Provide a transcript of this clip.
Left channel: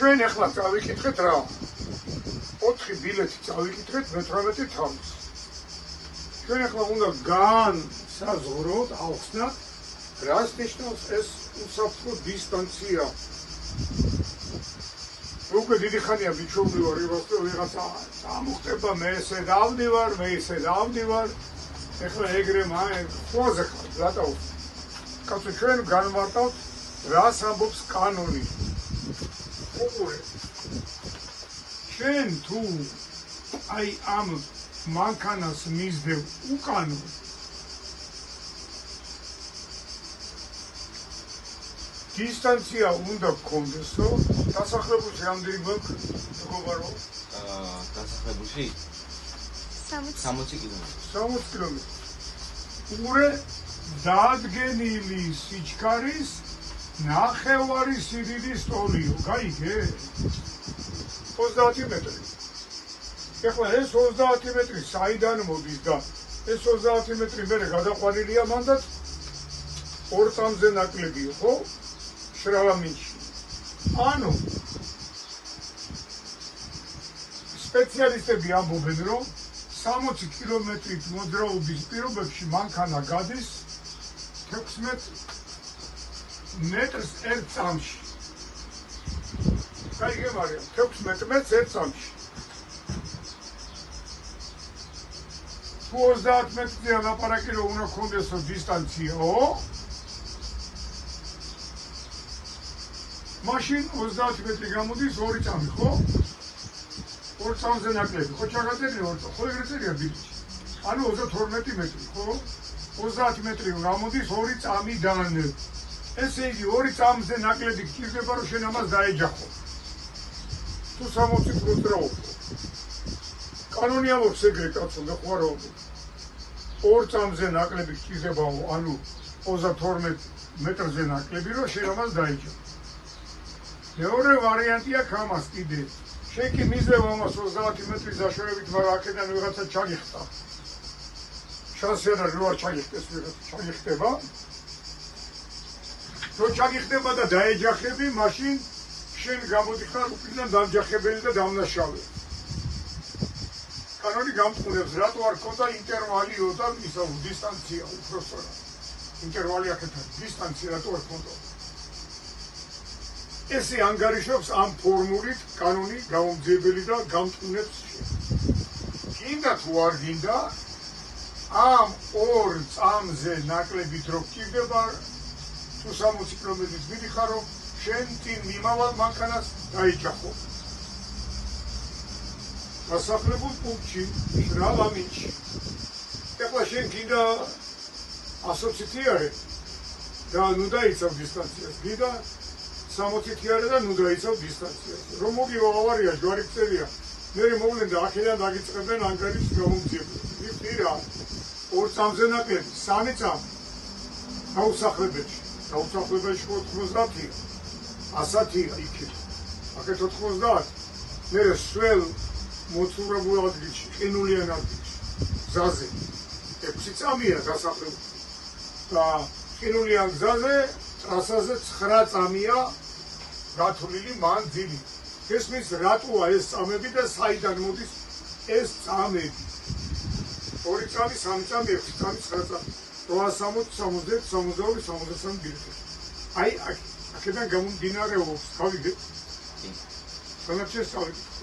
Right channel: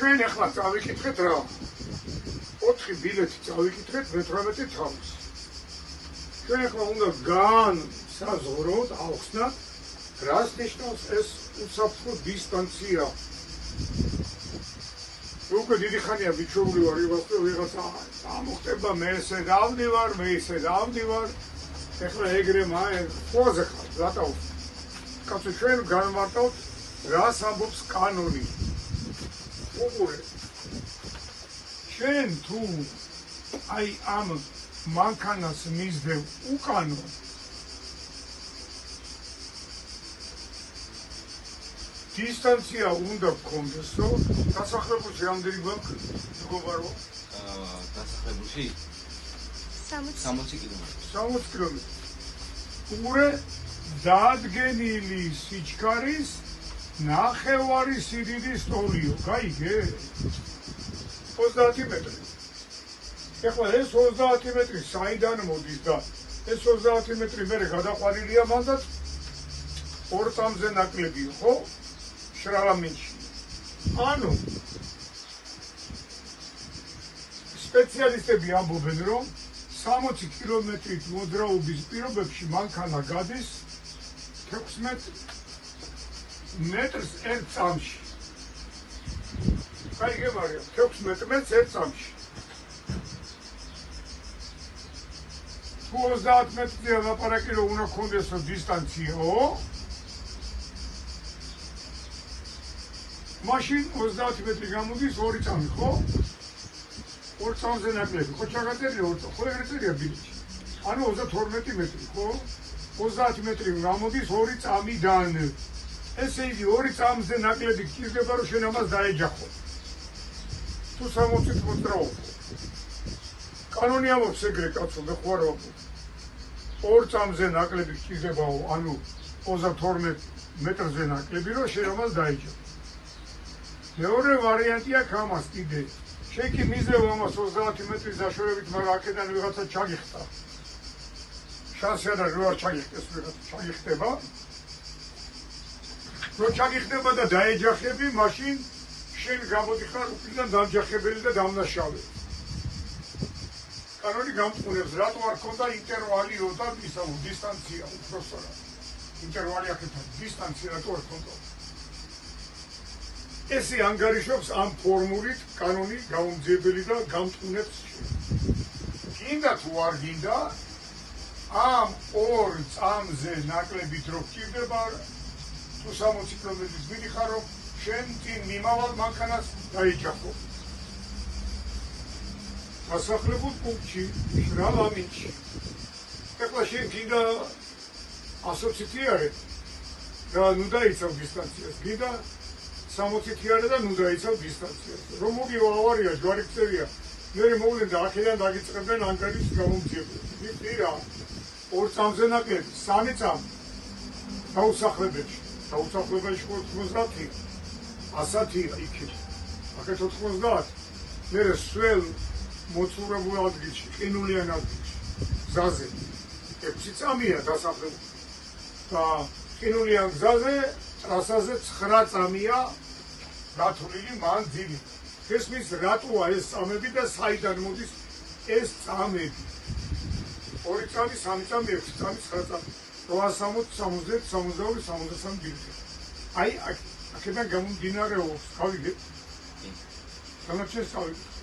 ჩვენ ახლა წავიკითხეთ რა. 4 ბილეთი წავიკითხეთ მე-18 თავს. ჩვენ ახლა უნდა განსაზღვროთ, ავხსნათ, რას ნიშნავს ეს უსაფრთხო დისტანცია. უკვე დიდი ხანია ვიჩვეული ვარ იმას, რომ ვიღაცა ამოხდება, მე ესე დავდივარ, მე ისე დავდივარ. ეხლა ეგრე ყველაზე ხარ, რატო? კაცო, ჩვენ განვარტავთ, რას ამბობს კანონი. უყურეთ. ჩვენ თუ აი ამ მანქანას მისდევ უკანო, დისტანცია უნდა გქონდესო, დასახლებულში რამდენი გვაქვს მეგობარო? დასახლებულში 60 კილომეტრი. 60 კილომეტრი. ურე დადგენილი სიჩქარის ნახევარი სიდიდის ტოლიო, გაიგე? 30 მეტრი. ეხლა ეს 30 მეტრი საიდან მოდის და ეს 30 მეტრი მერე გადაყვანილია მანდაც 2 წამზე ნაკლებია, ხო? შრავამინში. ანუ სპეციალისტები ამბობენ, რომ 60 კილომეტრით მოძრაობის პირობებში მანქანა გადის 16 მეტრს 1 წამში. გაიგე, მარიამ, 16 მეტრს 1 წამში. თუ 30 მეტრზე ლაპარაკი რომ უნდა გქონდესო დისტანციაო, მაშინ 30 მეტრი გამოდის 2 წამი, ხო? 2 წამზე ნაკლები, ხო ჩაგაწერია 2 წამი, ხო ეგრე წერია ბილეთში. ანუ 32 მეტრი, ხო? 30 მეტრი გამოდის 2 წამიდან. ესე იგი 2 წამზე ნაკლები გჭირდება, რომ შენ ამას დაეჯახო. თუ 60-ით მოძრაობ. კანონი ამბობს ეგრე, კაცო, მე ხო არ ვამბობ. 2 წამზე ნაკლები გჭირდებაო, ანუ 32 მეტრზე ნაკლები, რომ შენ ამას დაეჯახო. მეორე ვარიანტია ამას კიდე. შენ კი მისდევ ამას 30 მეტრის დაშორებით, მაგრამ აქედან ვიღაცა ჩაგიხტა. შანსი არა რომ არ ჩაგიხტეს ვიღაცა, ჩაგიხტება. რო ჩაგიხტება და დაეჯახები, მაშინ შენ გამოდიხარ უკიდან დამჯახებელი და დამნაშავე. კანონი გამწყურებს, რატო არ ქონდა ინტერვალიო და ისა დისტანცია უпростоრა. ინტერვალი აქეთან დისტანცია რატო არ ქონდა? ესე ანგარიშობს ამ ფორმულით კანონი გამომძიებელი და გამწყურებს. გინდა თუ არ გინდა, ამ 2 წამზე ნაკლებით რო გჭირდება, თუ 60 კილომეტრის მიდიხარო, შენ წინ მიმავალ მანქანას დაიჯახო. დასახლებულ პუნქტში, შრავამინში. ეხლა შენ გინდა ასოციტიარე და ნუ დაიცავ დისტანციას. გინდა 60-იანა და ნუ დაიცავ დისტანციას. რომ მოგივა ავარია, ჯვარი გწერია. მე მოვლენ და აქედან დაგიწყებენ ანგარიშის გამომძიებელს. მიხდირა 2 წამზე ნაკლები, 3 წამი. დაუსახლებელში. დაუსახლებელში 90-ია. 100-ია იქით. აქეთ 90. მე სულ მოცურებულ ადგილში, ყინულიან ადგილში. გზაზე. 6 წამია დასახლებული. და ყინულიან გზაზე, ტრასაზე 9 წამია გათვლილი მანძილი. ესმის რატოა ეს წამები და საიდან მოდის ეს წამები? 2 წამი, 3 წამი, 6 წამი, 9 წამი. 860, 60, 62, 63 ბილეთი. აი აქედან გამომდინარეობს, გავიგე? სამეფშეს წავიდეთ.